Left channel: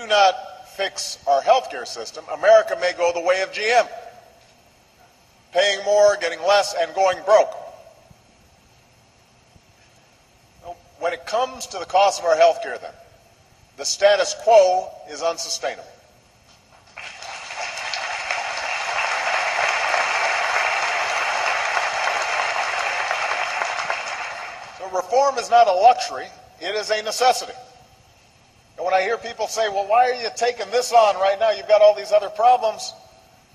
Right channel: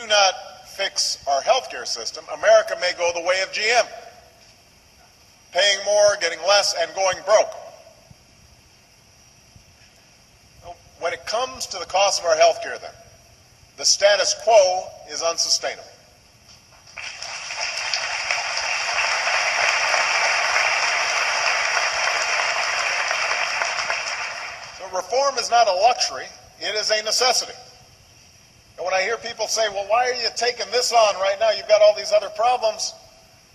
do not fix our healthcare system, America may go the way of GM, paying more, getting less, and going broke. When it comes to the cost of our healthcare, then, the status quo is unsustainable. Reform is not a luxury, it is a necessity. And when I hear people say, well, why are you taking this on right now? You've got all these other problems.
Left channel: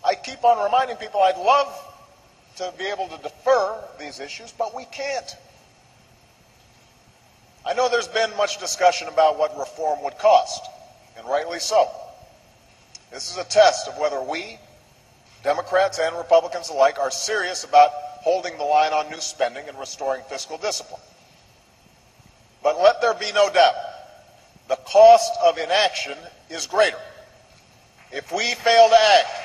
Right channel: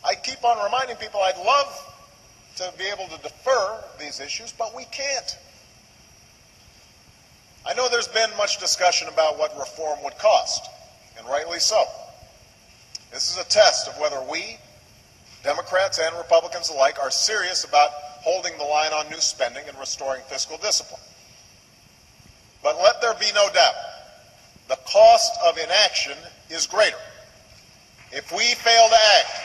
I keep on reminding people I'd love to be able to defer these issues, but we can't. I know there's been much discussion about what reform would cost, and rightly so. This is a test of whether we, Democrats and Republicans alike, are serious about holding the line on new spending and restoring fiscal discipline. But let there be no doubt, the cost of inaction is greater. If we fail to act,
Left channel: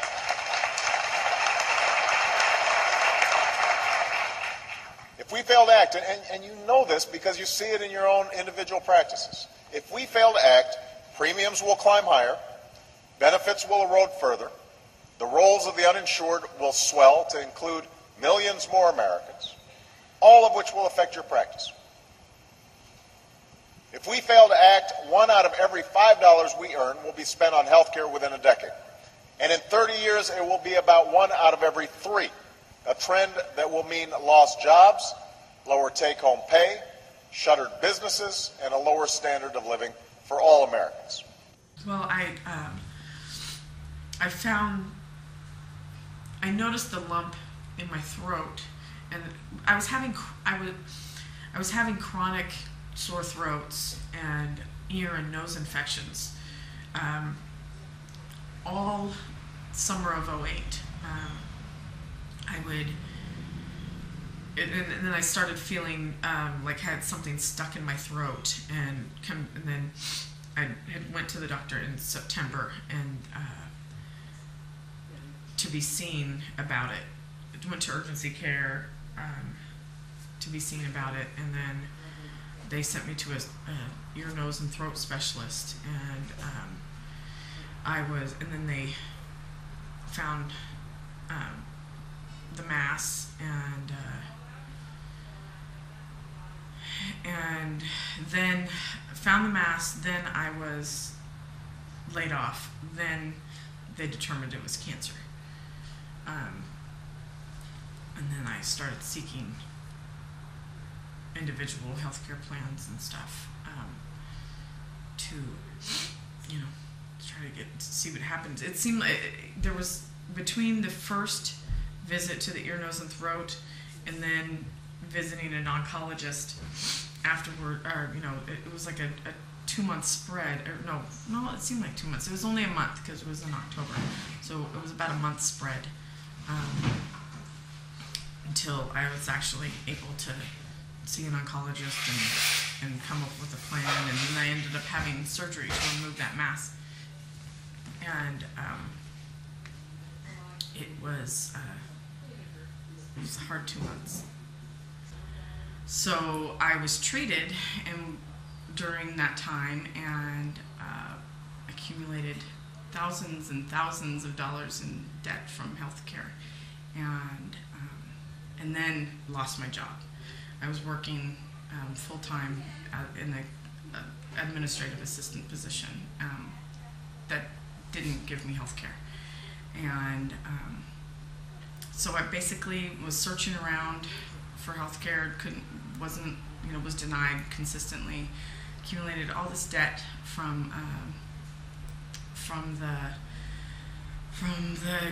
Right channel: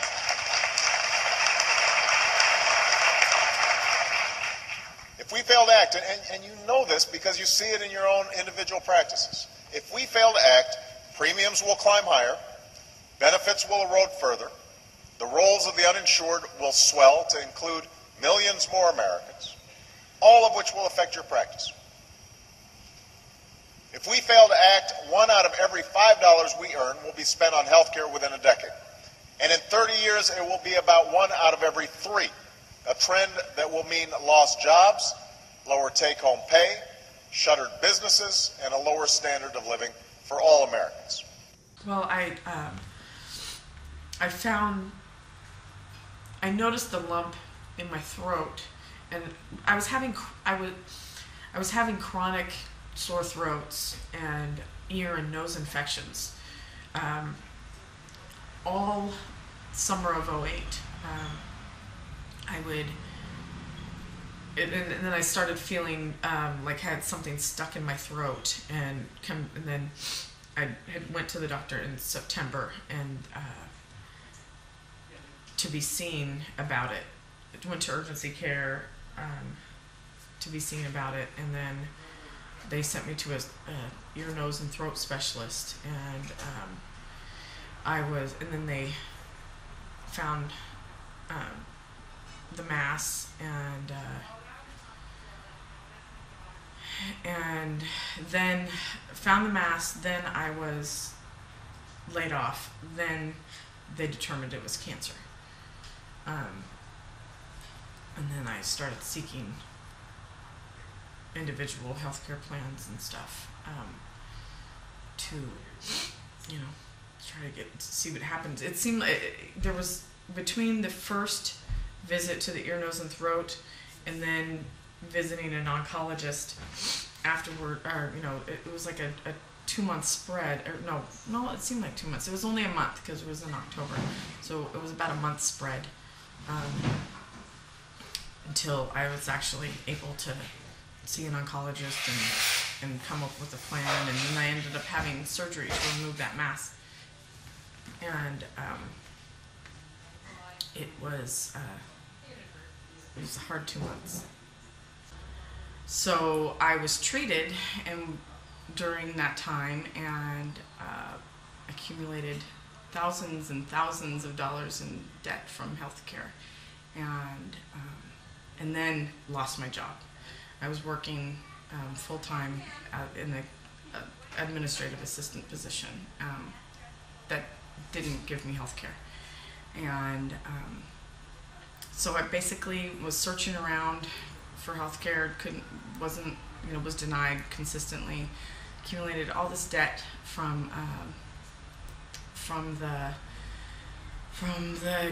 and you know this because you see it in your own individual practices, if we fail to act, premiums will climb higher, benefits will erode further, the rolls of the uninsured will swell to include millions more Americans, all of which will affect your practice. If we fail to act, 1 out of every $5 we earn will be spent on health care within a decade. And in 30 years, it will be about 1 out of every 3, a trend that will mean lost jobs, lower take-home pay, shuttered businesses, and a lower standard of living for all Americans. Well, I noticed the lump in my throat, and I was having chronic sore throats and ear and nose infections all summer of '08. And then I started feeling like I had something stuck in my throat, and then I went to the doctor in September and to be seen about it. I went to urgency care to be seen about it, and then they sent me to a ear, nose, and throat specialist, and then they found the mass, and then found the mass. Then I was laid off. Then they determined it was cancer, and then I started seeking individual health care plans and stuff to try to see what happens. It seemed like there was, between the first visit to the ear, nose, and throat and then visiting an oncologist afterward, it was like a 2-month spread, no, it seemed like 2 months. It was only a month because it was in October, so it was about a month spread until I was actually able to see an oncologist and come up with a plan, and then I ended up having surgery to remove that mass. And it was a hard 2 months. So I was treated during that time and accumulated thousands and thousands of dollars in debt from healthcare, and then lost my job. I was working full-time in the administrative assistant position that didn't give me health care. And so I basically was searching around for health care, was denied consistently, accumulated all this debt from the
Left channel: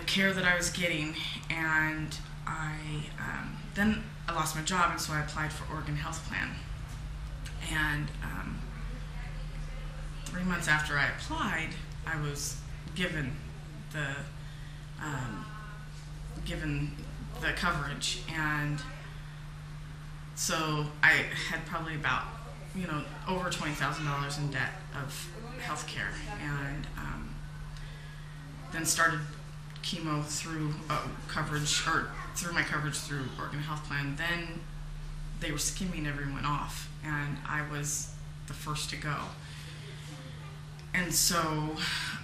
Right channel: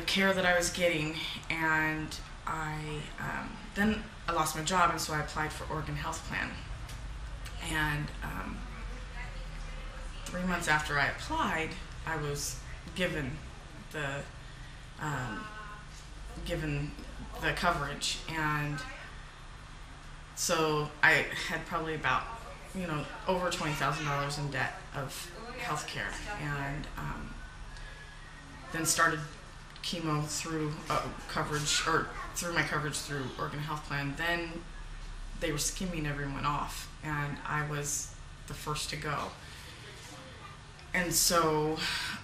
care that I was getting, and then I lost my job, and so I applied for Oregon Health Plan. And 3 months after I applied, I was given the coverage, and so I had probably about over $20,000 in debt of health care, and then started chemo through through my coverage through Oregon Health Plan. Then they were skimming everyone off, and I was the first to go. And so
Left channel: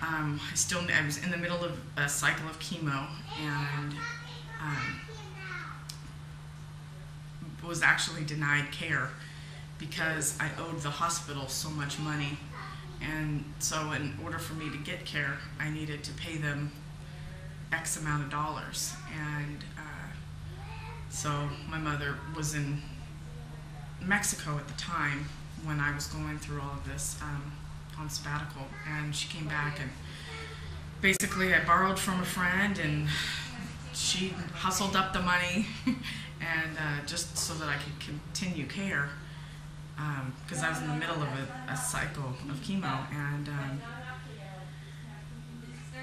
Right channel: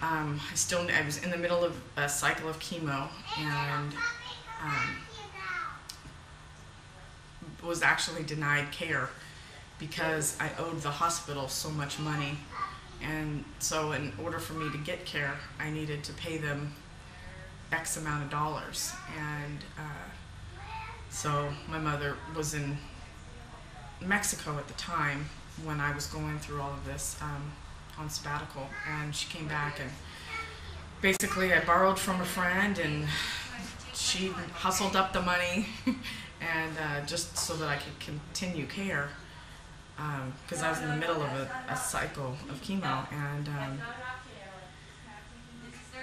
I was in the middle of a cycle of chemo, and was actually denied care because I owed the hospital so much money. And so in order for me to get care, I needed to pay them X amount of dollars. And so my mother was in Mexico at the time when I was going through all of this on sabbatical, and she came back, and basically I borrowed from a friend, and she hustled up the money and just so that I could continue care, because I was in the middle of a cycle of chemo. And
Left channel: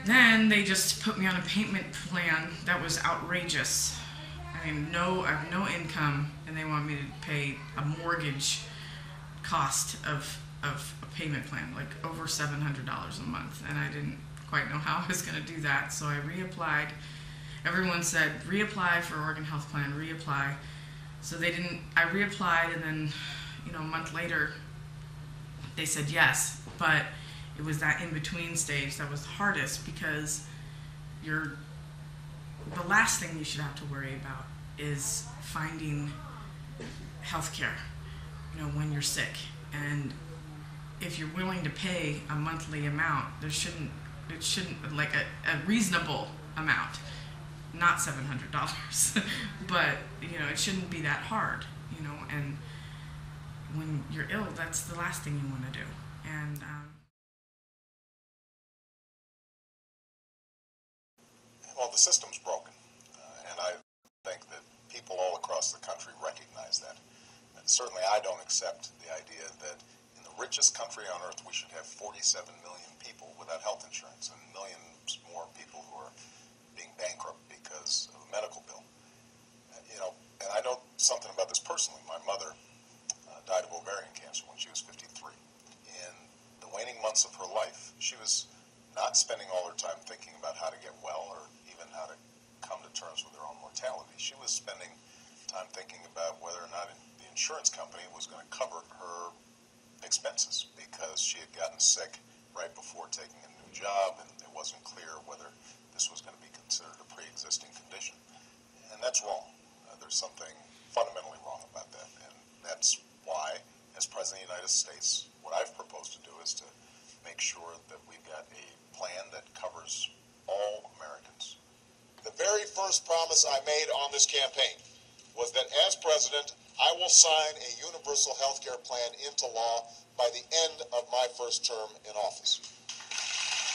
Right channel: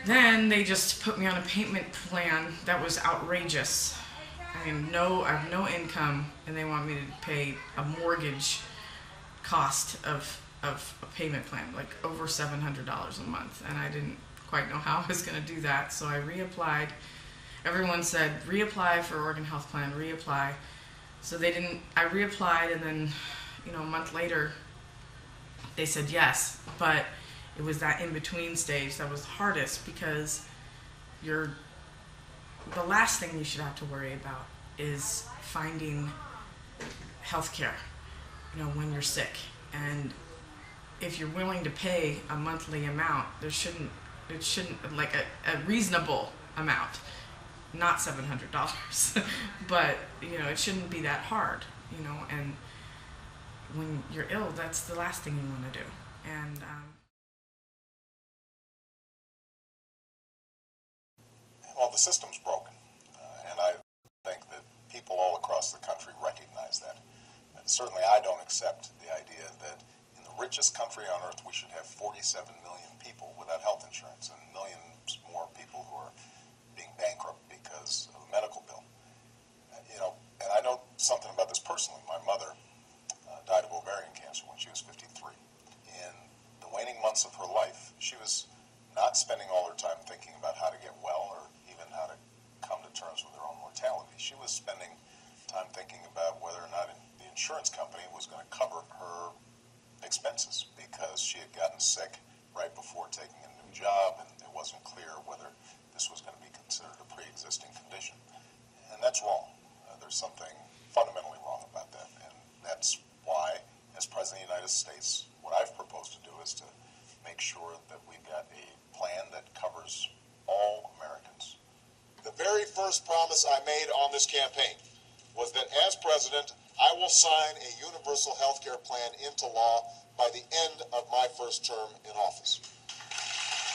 then they just put me on a payment plan that was outrageous. I mean, I have no income, and they want me to pay a mortgage cost of a payment plan, like over $700 a month, and I didn't quite know how I was going to do that, so I reapplied. Everyone said, reapply for Oregon Health Plan, reapply. So I reapplied, and then, a month later, they said yes, but it was that in-between stage that was the hardest, because the last thing you should have to worry about is finding health care, when you're sick. And if you're willing to pay a monthly amount, it shouldn't like a reasonable amount, not $700, but it shouldn't be that hard, and when you're ill, that's the last thing you want to do. And well, the system's broken, and I think that people all across the country recognize that. And certainly I don't accept the idea that in the richest country on earth we should have 47 million people without health insurance, and millions more people who are being bankrupt because of a medical bill. And I know something about this personally. My mother died of ovarian cancer when she was 53. In the waning months of her life, she was not spending all her time thinking about how to get well or even how to come to terms with her own mortality. She was spending time thinking about whether or not the insurance company was going to cover her expenses, because she had gotten sick right before taking a new job, and it wasn't clear whether this was going to be considered a pre-existing condition. And that's wrong. There's something fundamentally wrong about that, and that's why, as President of the United States, what I've proposed to do is to make sure that we've got a plan that covers all Americans. The very first promise I made on this campaign was that as president, I will sign a universal health care plan into law by the end of my first term in office.